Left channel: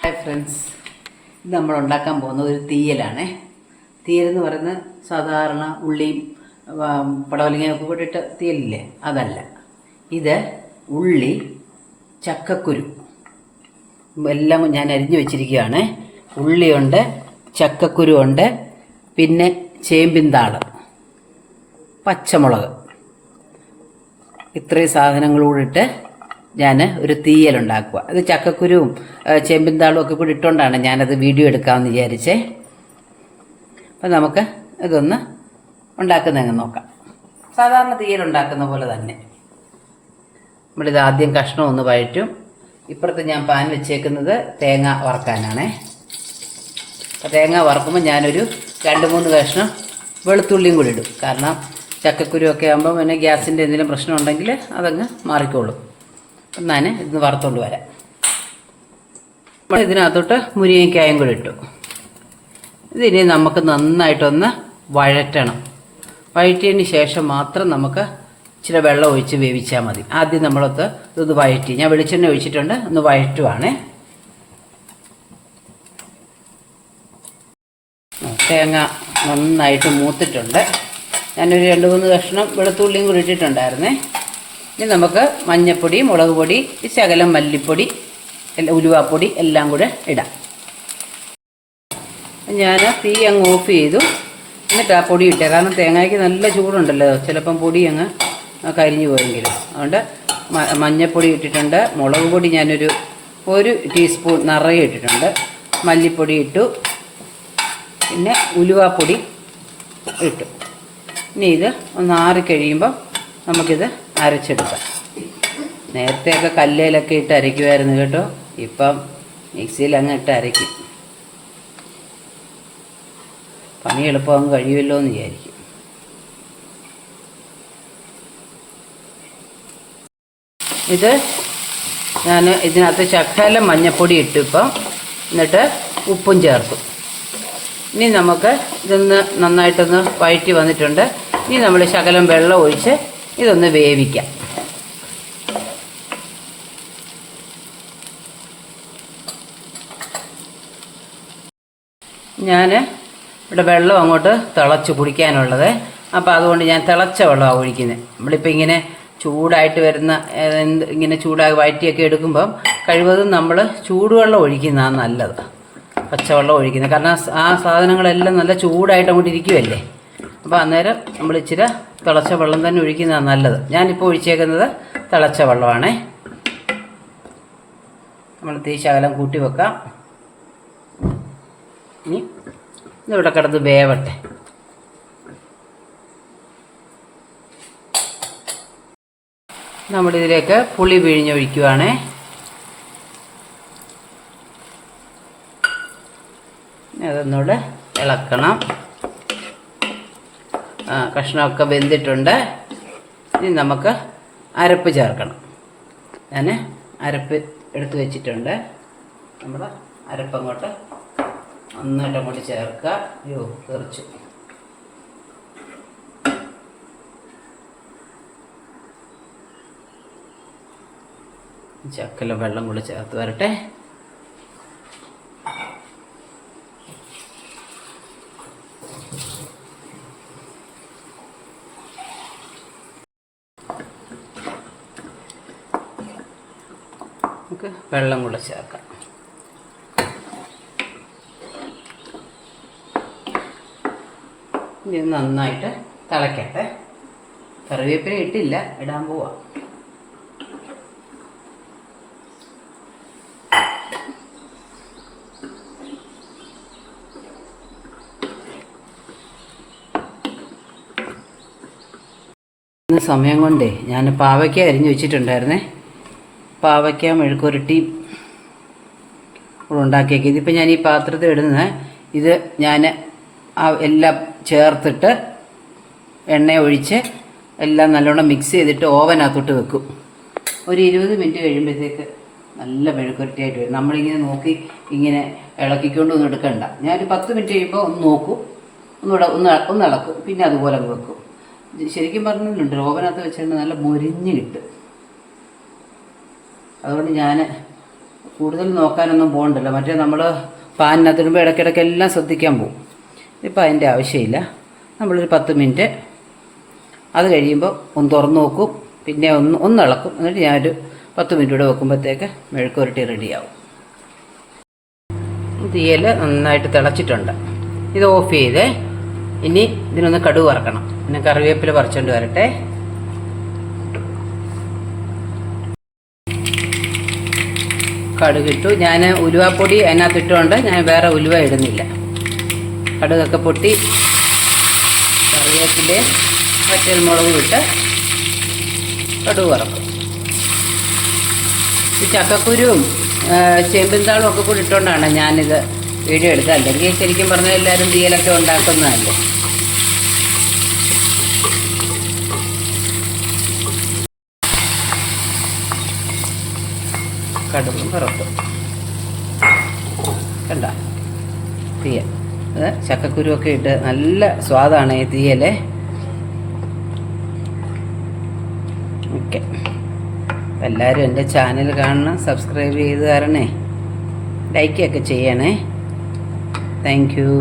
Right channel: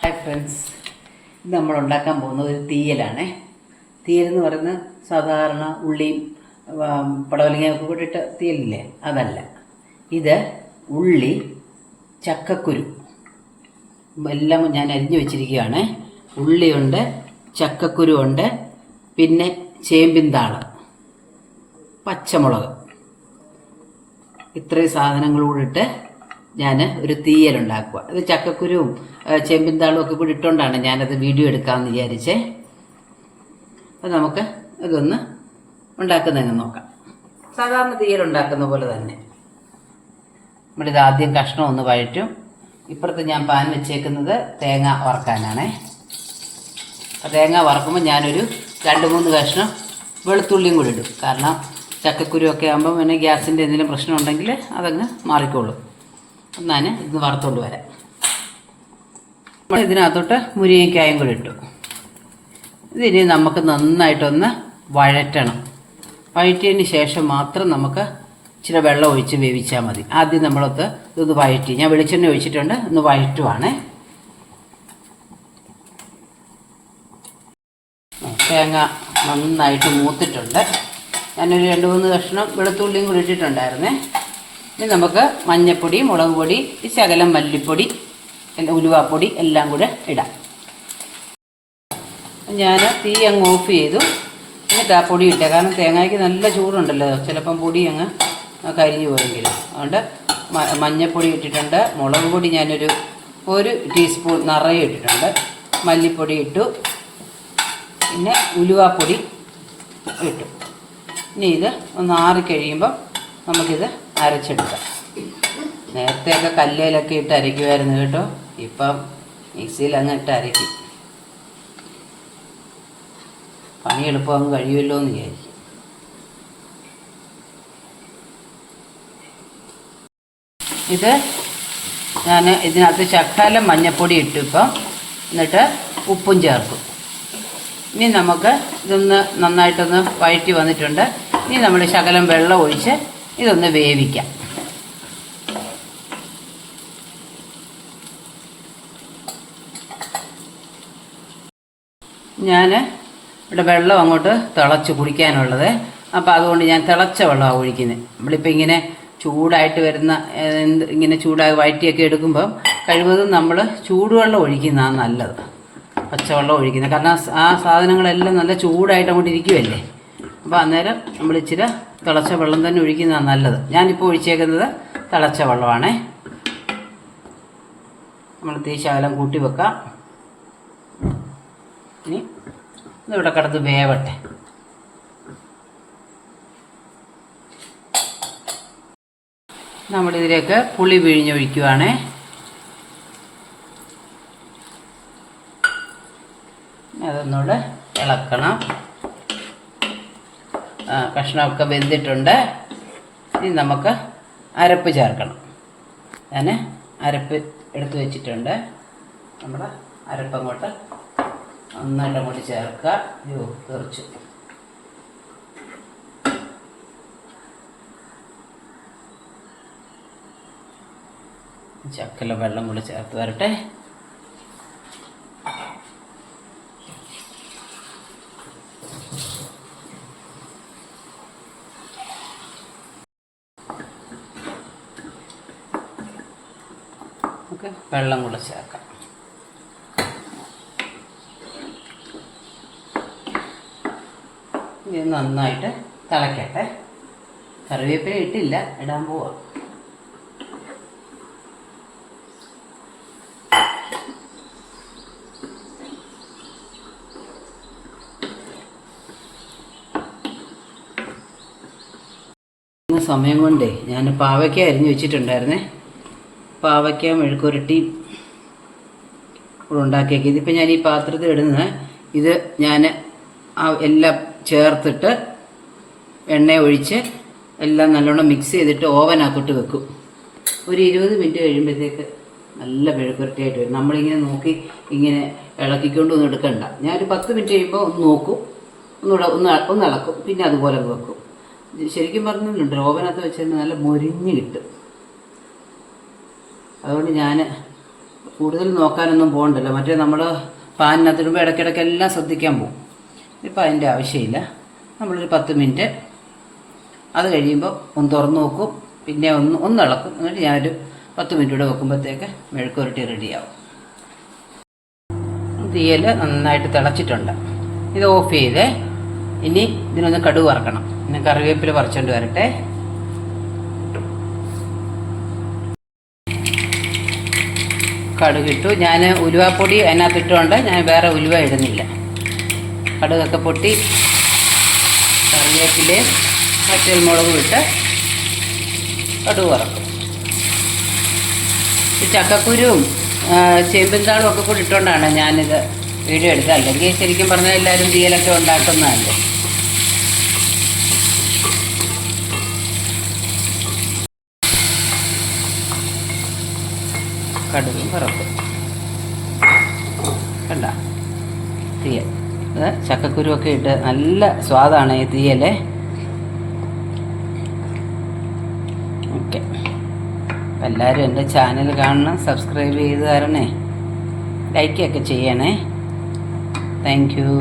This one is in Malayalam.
ഹായ് ഫ്രണ്ട്സ്, ഇത് നമ്മൾ ഉണ്ടാക്കാൻ പോകുന്നത് ഒരു തീയലാണ്. തീയലെന്ന് പറയുന്നത് സാധാരണ ഉള്ളിയും പടവലങ്ങയൊക്കെ കൂടിയിട്ട് തീയലില്ലേ, അതല്ല. ഇത് ഉള്ളി, ചക്കക്കുരു എല്ലാം ഞാൻ അരിഞ്ഞു വെച്ചിരിക്കുകയാണ്. ഉള്ളിയുണ്ട്, ചക്കക്കുരു ഉണ്ട്, പിന്നെ ചേമ്പിൻതാള്, പച്ചമുളക്, ഇത്രയും സാധനങ്ങളൂടിട്ട് ഞാൻ ഒരു തീയലുണ്ടാക്കുക. അത് ചക്കക്കുരുവും ചേമ്പിൻതാളും ഒക്കെ കൂടി ഇട്ടുകൊണ്ടാണ് ഞാനത് വീഡിയോ എടുക്കാമെന്ന് വിചാരിച്ചേ. അപ്പം നമുക്ക് ഇതൊന്ന് ഉണ്ടാക്കുന്നതെന്ന് നോക്കാം. സാധാരണ തീയലുണ്ടാക്കുന്ന പോലെ തന്നെ നമ്മളിത് ആദ്യം കഷ്ണം ഒന്ന് വഴറ്റും. ഇപ്പുറത്ത് ഞാൻ പാൻ വെച്ചേക്കുന്നത് തേങ്ങ വറക്കാനാണ്. അപ്പോൾ തേങ്ങ വറക്കുമ്പോൾ ഞാനൊരു 2-3 കഷ്ണം വെളുത്തുള്ളിയും കൂടി ഇടും. കാരണം ചക്കക്കുരുവൊക്കെ ആകുമ്പോൾ പിന്നെ ഗ്യാസിൻ്റെ എന്തെങ്കിലും പ്രശ്നം ഉണ്ടെങ്കിൽ അതങ്ങ് മാറിക്കോളും. ഞാൻ ഇന്ന് വറുത്തോണ്ട് വരാം. ഇതിനകത്തോട്ട് മുരിങ്ങയ്ക്കായും കൂടി ഇട്ടു. ഇതിനി നമുക്ക് നന്നായിട്ടൊന്ന് വഴറ്റണം. വഴറ്റിയതിന് ശേഷം മാത്രം നമുക്ക് ഇച്ചിരി വെള്ളം ഒഴിച്ച് വേവിച്ചാൽ മതി. ആദ്യം ഇതൊന്ന് വഴറ്റി, ഞാൻ വെളിച്ചെണ്ണ ഒഴിച്ചിട്ടുണ്ട്, ഒന്ന് വഴറ്റുവാണേ. തേങ്ങ നന്നായിട്ട് മൂത്തിട്ടുണ്ട്. ഞാനൊരു 2-3 കഷ്ണം വെളുത്തുള്ളിയും കൂടി ഇട്ടിട്ടുണ്ടായിരുന്നേ. ഇനി നമുക്ക് മഞ്ഞൾപ്പൊടി, മുളക് പൊടി, ശകലം മല്ലിപ്പൊടി, ഉലുവാപ്പൊടി എല്ലാം കൂടെ ഇടാം. ഞാൻ തീ അങ്ങ് ഓഫ് ചെയ്തു. എന്നിട്ട് ആ പൊടി ഇട്ടേ, കാരണം തേങ്ങയ്ക്ക് നല്ല ചൂടുണ്ടല്ലോ, ചിലപ്പം പൊടി അങ്ങ് കരിഞ്ഞു പോയെങ്കിലും. അതുകൊണ്ട് മഞ്ഞൾപ്പൊടി ഇട്ടിട്ടുണ്ട്. മുളക് പൊടി ഞാനൊരു 1 ടീസ്പൂൺ നിറയെ ഇട്ടിട്ടുണ്ട്. മല്ലിപ്പൊടി ഇട്ടു, പിന്നെ ഉലുവാപ്പൊടി ഇട്ടു. ഇനി ഇത് ഒന്ന് ആറിക്കഴിയുമ്പം നമുക്കിത് അരച്ചെടുക്കാം. നേരത്തെയൊക്കെ കല്ലിലൊക്കെ ഇട്ട് അരയ്ക്കുമായിരുന്നു കേട്ടോ. ഇപ്പം മിക്സിയിൽ അങ്ങ് ഇട്ട് അരയ്ക്കും. പണി എളുപ്പമങ്ങ് കഴിയുമല്ലോ എന്ന് വിചാരിക്കും. ഇത് ഞാൻ ഇതിനകത്ത് ശകലം മഞ്ഞൾപ്പൊടി ഇട്ടു ഇപ്പം. എന്നിട്ട് ഉപ്പും ചേർത്തു. ഇനി നമുക്ക് ഇതൊന്ന് നന്നായിട്ടൊന്ന് വഴറ്റി വന്നിട്ടുണ്ട്. ഇനി നമ്മൾ ശകലം വെള്ളം ഒഴിച്ച് ഇതൊന്ന് വേവിക്കാം. ഞാൻ ഇവിടെ വെള്ളം അങ്ങോട്ട് തിളച്ച് കുടിക്കാനുള്ളത്. അപ്പോൾ അതുകൊണ്ട് ഞാൻ തിളച്ച വെള്ളമാണ് ഒഴിക്കുന്നത്. നമ്മളിപ്പോൾ ഇങ്ങനെ ചൂടായിട്ട് വരുന്ന ഇങ്ങനെ ചൂടായി വഴറ്റിയൊക്കെ എടുക്കുമ്പം കഴിവതും നമ്മൾ ചൂടുവെള്ളം ഒഴിക്കുന്നതാണ് നല്ലത്, പച്ചവെള്ളം ഒഴിക്കുന്നത്. കാരണം ആ സാധനങ്ങളെല്ലാം നല്ല ചൂടായിട്ട് അങ്ങോട്ട് ഇരിക്കുമല്ലേ. അപ്പോൾ അന്നേരം നമ്മൾ ഇച്ചിരി തിളച്ച വെള്ളം തന്നെ ഒഴിക്കുന്നതാണ് നല്ലത്. ഞാനിപ്പോൾ ഒഴിച്ചേക്കുന്നത് തിളച്ച വെള്ളമാണേ. നമ്മൾ തീ ശകലം കൂട്ടി വെക്കാം. ഇനി ഇതിവിടെ കിടന്ന് വേവട്ടെ. നമ്മളിതിലേക്ക് പുളി പിഴിഞ്ഞൊഴിക്കുവാണേ. അതൊന്നുകൂടെ ഇളക്കണം. കഷ്ണമൊക്കെ വെന്തിട്ടുണ്ട്. ഇനി നമുക്ക് അരപ്പ് ചേർക്കണം. ഞാൻ അരപ്പ് എടുത്ത് വെച്ചിട്ടുണ്ട്. നമ്മുടെ അരപ്പങ്ങോട്ട് നന്നായിട്ട് അങ്ങോട്ട് ചേർക്കുക. അയ്യോ, തെറിച്ചു. ചക്കല വെള്ളം കൂടി ചേർത്ത് വരട്ടെ. നമുക്ക് വെള്ളം കൂടെ ചേർക്കാം. ഇത് നന്നായിട്ട് തിളയ്ക്കട്ടെ. കറിവേപ്പില ഇട്ടില്ല, ഇടാൻ പോവാം. ഇന്ന് സമയം കൊണ്ടേ ഞാൻ പാവയ്ക്ക അരിഞ്ഞു വെച്ചിട്ടുണ്ടായിരുന്നേ. പാവയ്ക്ക മെഴുക്കുരട്ടി ഉണ്ടാക്കിയേക്ക്. ഇതിപ്പോൾ ഞാൻ ഈ പാത്രത്തിൽ ഇടുന്നത്, ഇത് ഞാൻ എല്ലാം ചേർത്തിട്ട് എണ്ണ ഒഴിച്ച് എല്ലാം നല്ലോണം മിക്സ് ചെയ്തിട്ട് ഓവനകത്തോട്ട് വെക്കും. ഒരു 20 മിനിറ്റ് കഴിയുമ്പോഴത്തേക്ക് നല്ല മെഴുക്കുരട്ടിയായിട്ട് വരും. നമ്മളിങ്ങനെ നോക്കി ഇങ്ങനെ ഇളക്കിക്കൊണ്ടൊന്നും എടുക്കണ്ട. ഞാനൊരു 10 മിനിറ്റ് കഴിയുമ്പോൾ ഒന്ന് നോക്കും, ഒന്ന് ഇളക്കും, പിന്നെ അതുപോലെ അങ്ങ് വെക്കും. ശരിക്കും പറഞ്ഞിട്ടുണ്ട്, ഓവനകത്ത് വെച്ചിട്ട് നല്ല മൊരിഞ്ഞ് കിട്ടും. അതുകൊണ്ട് ഞാൻ കൂടുതൽ നോക്കാനൊന്നും പോകണ്ടല്ലോ. മറ്റേ നമ്മൾ പാനിനകത്തിടുമ്പോൾ ഇടയ്ക്കിടയ്ക്ക് എല്ലാം ശ്രദ്ധിക്കാൻ പോകും. ഇപ്പം അതിൻ്റെ ആവശ്യമില്ല. നമ്മളൊരു 10 മിനിറ്റ് അത് കഴിയുമ്പോൾ ഒന്ന് തുറന്ന് നോക്കും, പിന്നെ ഒന്ന് ഇളക്കും. എന്നിട്ട് ഞാനൊരു 10 മിനിറ്റ് കൂടെ വെക്കുമ്പോഴത്തേക്ക് മെഴുക്കുവരട്ടി റെഡിയാവും. തീയൽ നന്നായിട്ട് തിളച്ചിട്ടുണ്ട്. ഇത് ഓഫ് ചെയ്തേ. ഇനി ഇതിനൊന്ന് കടുക് വറക്കണം. പിന്നെ കറിവേപ്പില പറിച്ചുകൊണ്ട് വരട്ടെ. കടുകിട്ടു. ഞാൻ ഉലുവാപ്പൊടി അതിനകത്ത് ഇട്ടുകൊണ്ട് ഞാൻ വേറെ ഉലുവ ഇടുന്നില്ല. കടുകൊക്കെ പൊട്ടി കറിവേപ്പിലയും പച്ചമുളകും ഇട്ട് കടുക് വറക്കും. ഈ ചക്കക്കുരുവും ചേമ്പിൻതാളും ഒക്കെ കൂടി ഇട്ടുകൊണ്ടാണ് ഞാനിത് വീഡിയോ എടുക്കുക. അല്ലെങ്കിൽ ശരിക്കും പറഞ്ഞാൽ എല്ലാവരും തീയലൊക്കെ ഉണ്ടാക്കുന്നതല്ലേ. കടുകും വറക്കും. കണ്ട തീയൽ. ചക്കക്കുരുവൊക്കെ ഇട്ട് നല്ല സ്വാദാണ് ഈ തീയലേ. ഓക്കെ, എല്ലാവരും എൻ്റെ ചാനൽ കാണണം, സബ്സ്ക്രൈബ് ചെയ്ത് തരണേ, ലൈക്കൊക്കെ ചെയ്യണേ. Thank you.